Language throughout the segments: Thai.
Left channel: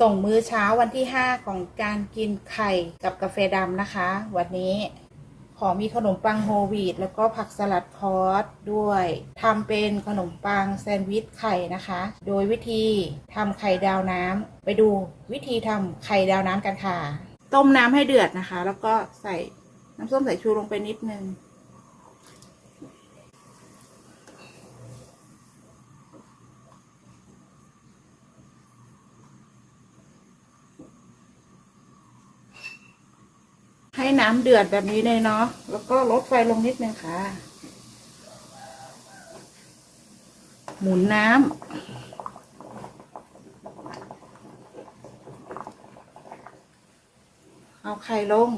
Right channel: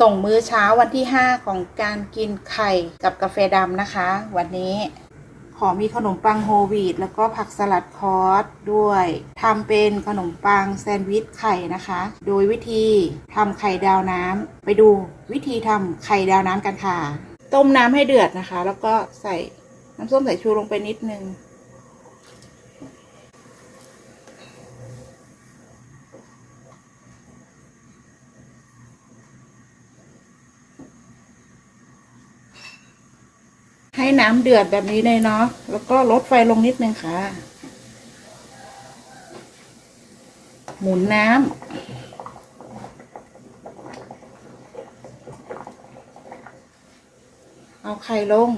ส่งมื้อเช้าวันที่ 5 ของการกินไข่กับกาแฟดำนะคะ วันนี้ขอมีขนมปังโฮลวีตแล้วก็ผักสลัดคอร์สด้วยทำเป็นขนมปังแซนด์วิชไข่นะคะ โดยวิธีทำไข่ดาวน้ำไปดูวิธีทำไข่ดาวน้ำกันค่ะ ต้มน้ำให้เดือดนะคะ แล้วก็ใส่น้ำส้มสายชูลงไปนิดนึง ให้น้ำเดือดแบบนี้เลยเนาะ แล้วก็ลดไฟลงนิดนึงค่ะ หมุนน้ำ เอาไข่ลง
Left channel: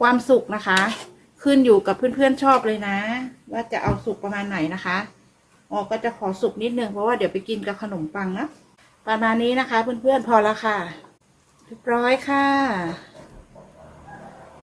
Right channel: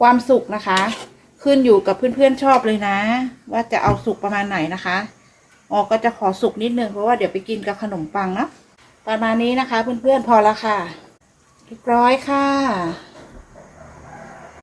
ความสุกนะคะ ขึ้นอยู่กับเพื่อนๆชอบเลยนะ ว่าจะเอาสุกประมาณไหนนะคะออกก็จะขอสุกนิดนึงเพราะว่าเดี๋ยวไปกินกับขนมปังเนาะประมาณนี้นะคะ เพื่อนๆพอแล้วค่ะเรียบร้อยค่ะ